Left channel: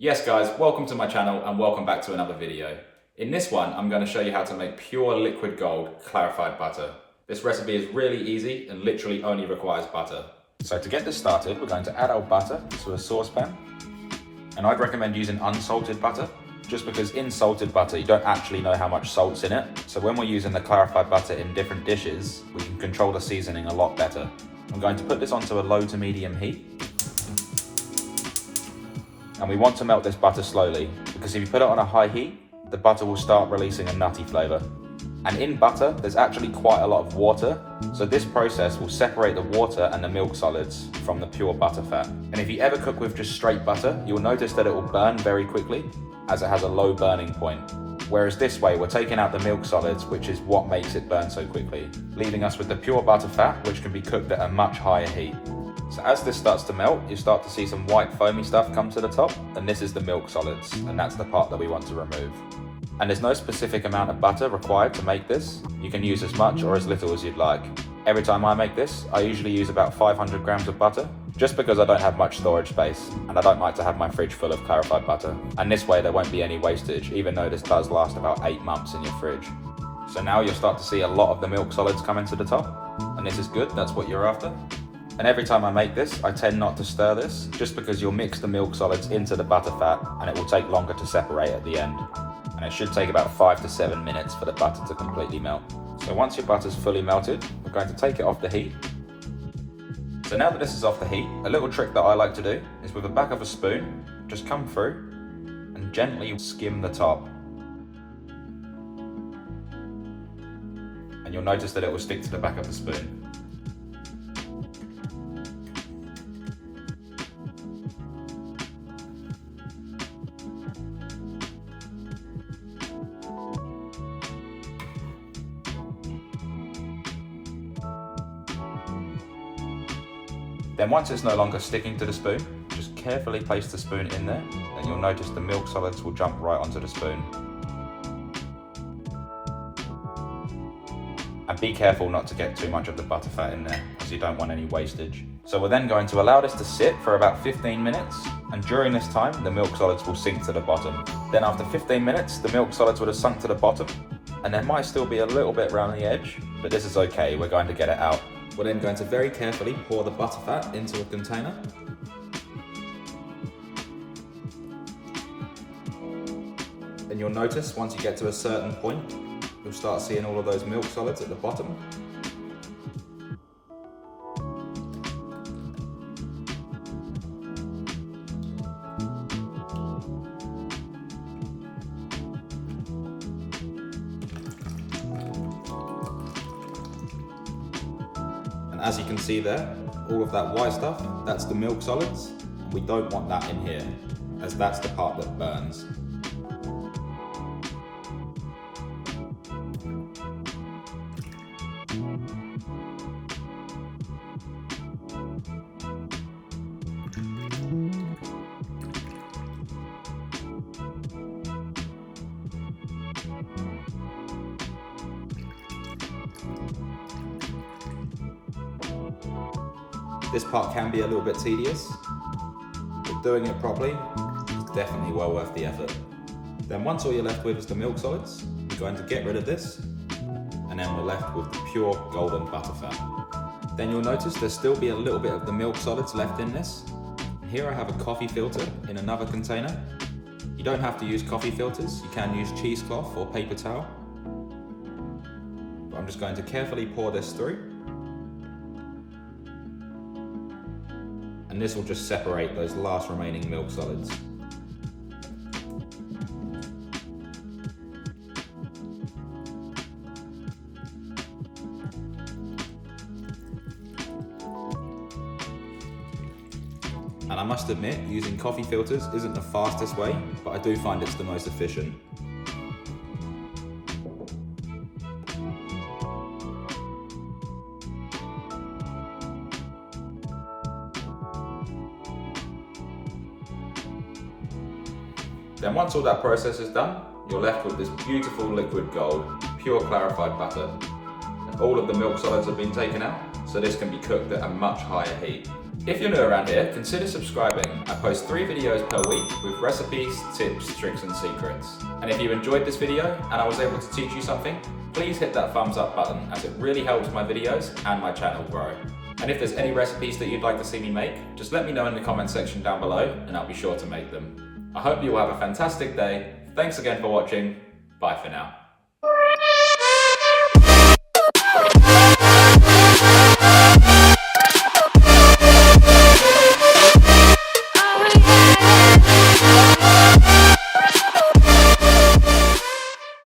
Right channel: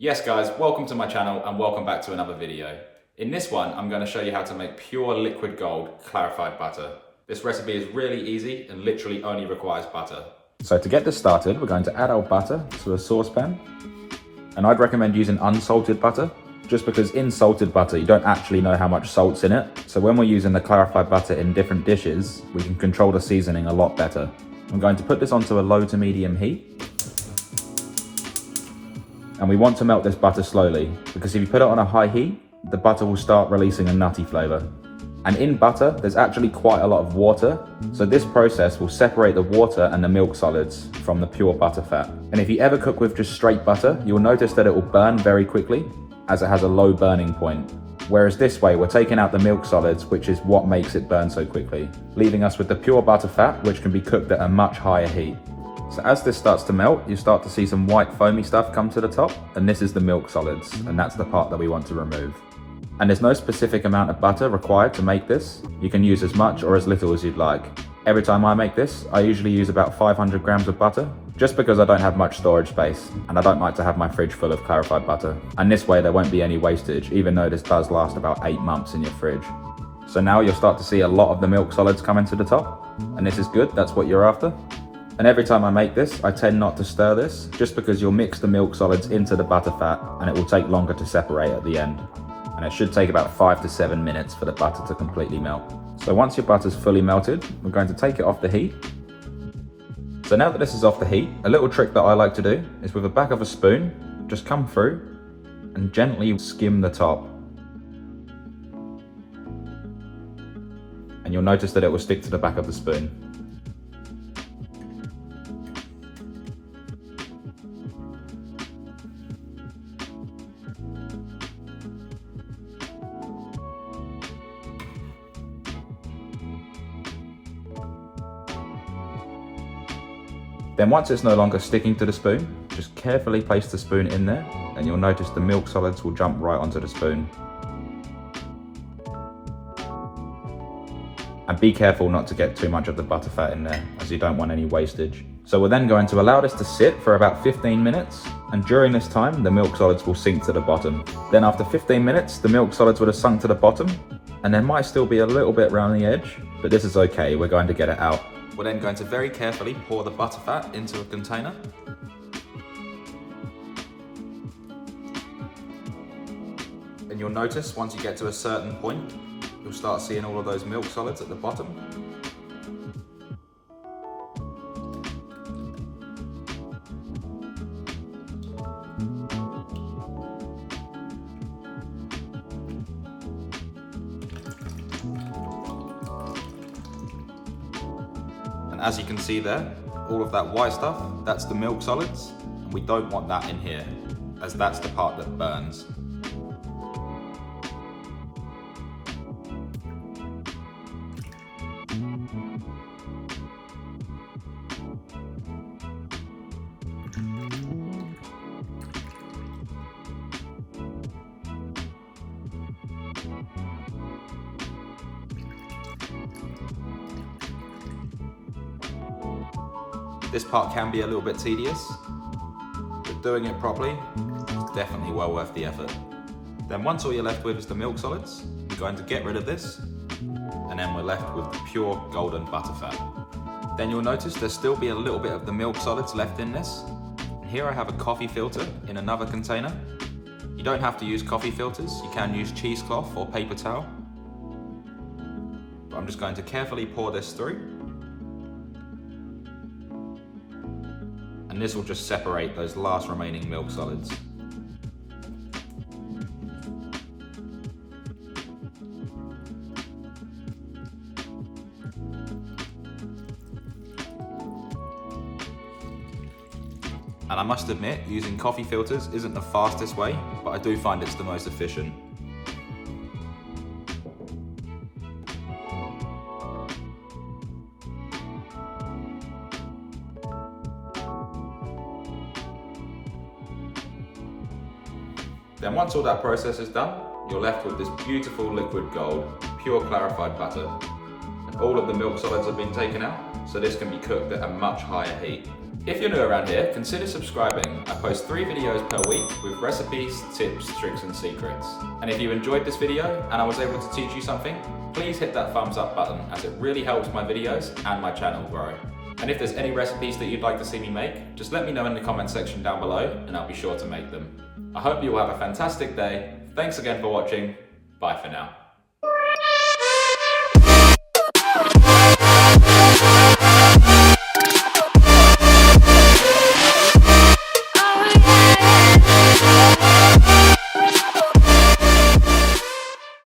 Yes guys, welcome to my channel and welcome back to another video. In this one, I'm going to show you how to make pure liquid gold clarified butter. This recipe is really easy and literally only requires butter. So to get this started, we're going to add our butter to a saucepan. And I'd recommend using unsalted butter, just because in salted butter, you don't actually know how much salt's in it. So when we're using the clarified butter in different dishes, we can control the seasoning a lot better. I'm going to put this onto a low to medium heat. And we want to melt this butter slowly, because if you put it on a high heat, the butter will start releasing a nutty flavour. And in butter, there's actually quite a lot of water, so this process will separate the water and the milk solids from the pure butter fat. And if you ever cook with just straight butter, you'll notice that it will burn very quickly, as it has a low burning point. Whereas this way, we're taking out the milk solids, which is what makes it burn so quickly, leaving us with the pure butter fat, which can be cooked at a much higher heat. So as this starts to melt, you start to see some white foamy stuff come to the top, and this is the milk solids, and that's the part that we want to remove. And there's no specific amount of butter required to make this. You can use as much or as little as you'd like. Every time I make this, I usually use about 500 grams of butter, just because I don't have much storage space, and I don't like to have my fridge full of clarified butter. And this way there won't be any wastage, even though this does last about 8 months in your fridge. So now you'll start to see a lot of the milk solids coming to the top, and this is good, that's what you're after. And every time I make this, I tend not to stir this, just because you'll mix the milk solids into the butter fat, and it will take longer to separate at the end. And it should take about 5 to 7 minutes for the butter to completely melt. So once your butter's fully melted, we're going to take it off the heat. So now that this is off the heat, a little trick that I like to do is with the back of a spoon, just come through and gently skim the top. And you'll notice that it will stick to the back of the spoon. Then once it's no longer sticking to the spoon, just carefully place the spoon in there, and you'll notice the milk solids will jump right onto the spoon. And be careful not to get too much of the butter fat in there, as you don't want any wastage. So we're then going to allow this to sit for about 15 minutes, and during this time, the milk solids will sink to the bottom. Then after 15 minutes, the milk solids would have sunk to the bottom, and there might still be a little bit around the edge, but this is okay, we're going to get it out. We're then going to very carefully pour the butter fat into a container. And you'll notice once you get to a certain point, you'll start seeing all of those milk solids at the bottom. And as you can see there, all of that white stuff, that's the milk solids, and we don't want that in here, as that's the part that burns. This part can be a little bit tedious, but doing it properly is definitely well worth the effort. Then once all you're left with is the milk solids, you're going to get rid of this, and then we're left with the pure golden butter fat. Then you'll notice there'll still be a little bit of the milk solids left in this. And here I have a coffee filter in another container. You don't have to use coffee filters, you can use cheesecloth or paper towel. But I'm just going to carefully pour this through. And this will just separate those last remaining milk solids. And I must admit, using coffee filters isn't the fastest way, but I do find it's the most efficient. Then once all that process is done, you're left with this beautiful liquid gold, pure clarified butter. And all of the milk solids have been taken out, so this can be cooked at a much higher heat. If you're new around here, consider subscribing. I post 3 videos per week with recipes, tips, tricks and secrets. And if you enjoyed this video and I was able to teach you something, please hit that thumbs up button as it really helps my videos and my channel grow. And if there's any recipes that you'd like to see me make, just let me know in the comment section down below and I'll be sure to make them. I hope you will have a fantastic day. Thanks again for watching. Bye for now.